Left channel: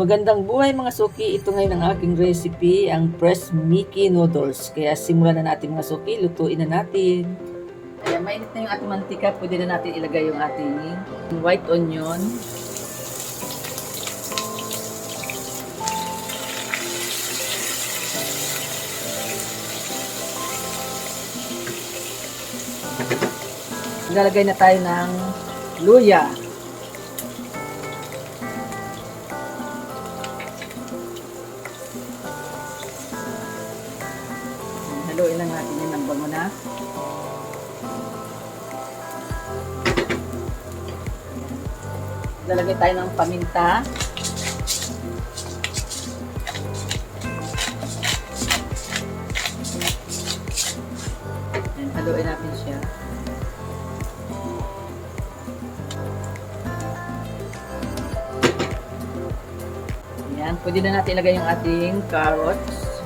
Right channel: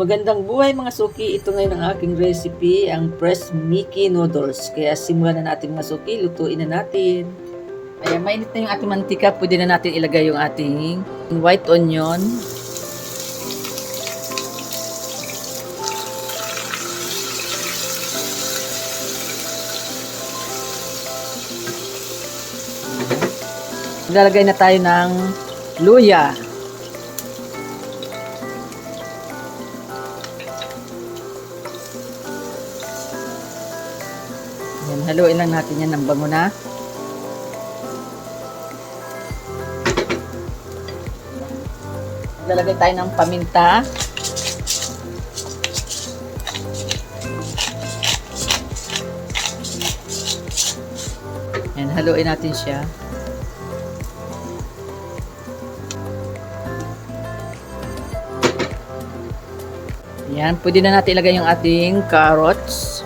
Magandang buhay mga suki, ito ngayon ang aking recipe, ang pressed Mickey noodles. Kaya simulan na natin mga suki, lutuin na natin. Kaya mainit na yung ating mantika, pwede na natin ilagay yung ating white onion. Lalagay na tayo ng luya. Haluin lang natin yan ng bango na. Lalagay tayo ng paminta. Yan, haluin natin siya. Yan, pwede na natin ilagay yung ating carrots.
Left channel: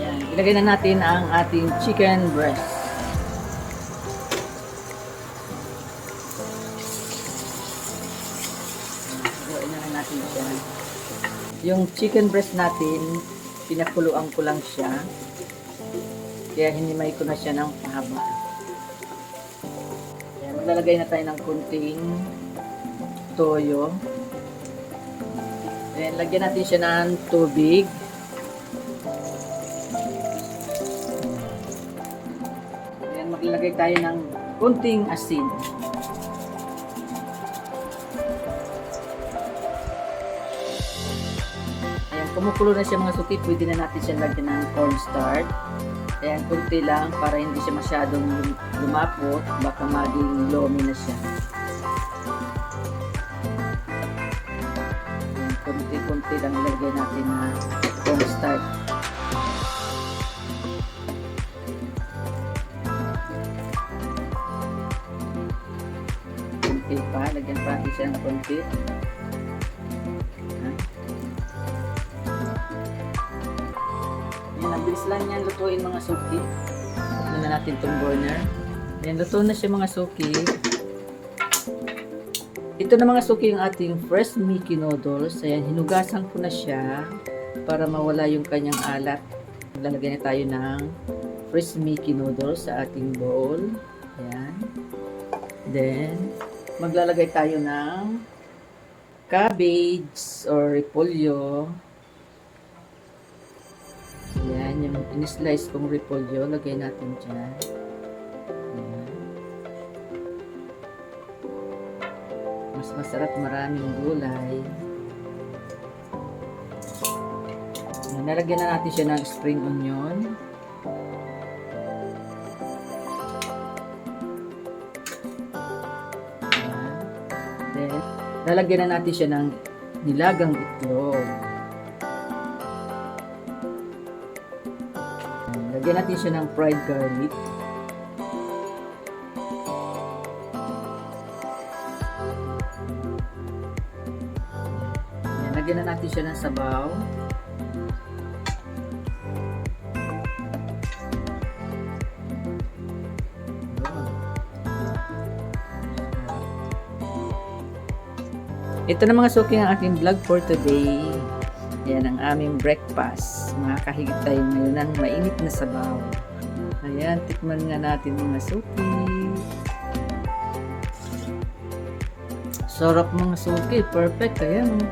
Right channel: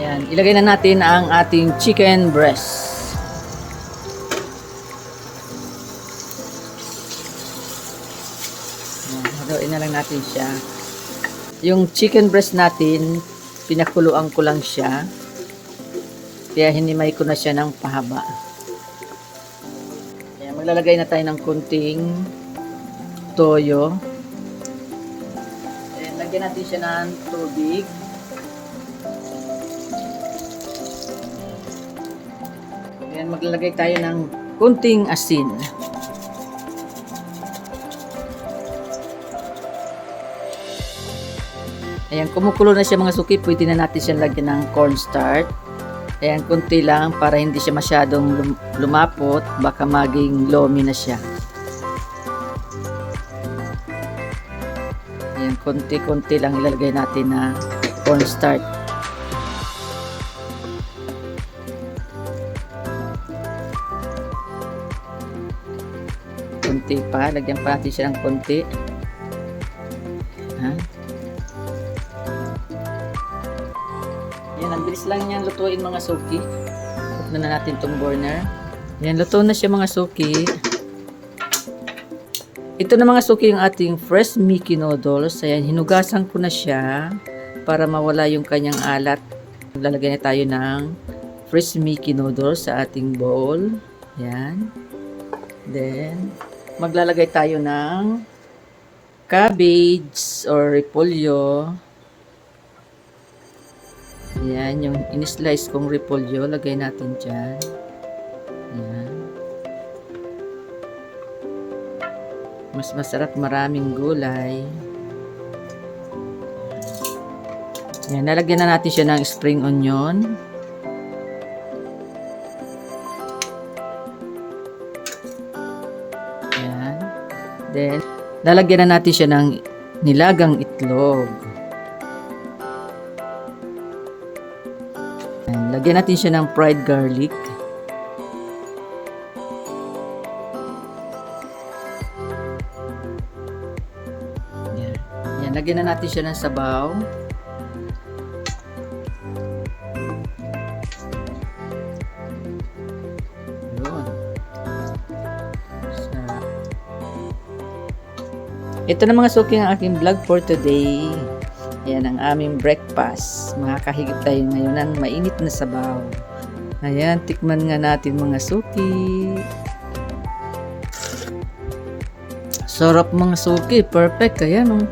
Yan, ilagay na natin ang ating chicken breast. Haluin na lang natin siya. Yung chicken breast natin, pinakuluan ko lang siya. Kaya hinimay ko na siya ng pahaba. Ayan, maglalagay na tayo ng kunting toyo. Ayan, lagyan natin siya ng tubig. Ayan, maglalagay tayo ng kunting asin. Ayan, kumukulo na siya mga suki. Pwede na natin siya lagyan ng cornstarch. Ayan, kunti lang para hindi siya masyadong lumapot. Baka maging lomi na siya. Ayan, kunti-kunti lang ilalagay natin na cornstarch. Kunti pa. Lagyan pa natin siya ng kunti. Yan, ang bilis lang yan lutuin mga suki. Off na natin itong burner. Yan, luto na siya mga suki. Ito na mga suki yung ating fresh Mickey noodles. Ayan, hinugasan ko na siya para mawala yung kanyang alat. Lalagyan na tayo ng fresh Mickey noodles sa ating bowl. Ayan. Then, maglalagay tayo ng cabbage or repolyo. Ayan, yung in-slice kong repolyo, lagay natin dyan. Ayan. Mas masarap, maraming gulay. Ayan, nalagyan na natin siya ng spring onion. Ayan. Then, lalagyan na natin siya ng nilagang itlog. Lagyan natin siya ng fried garlic. Yan, lagyan na natin siya ng sabaw. Ito na mga suki ang ating vlog for today. Ayan ang aming breakfast. Makakahigit tayo ngayon ng mainit na sabaw. Ayan, tikman nga natin mga suki. Sarap mga suki. Perfect. Ayan.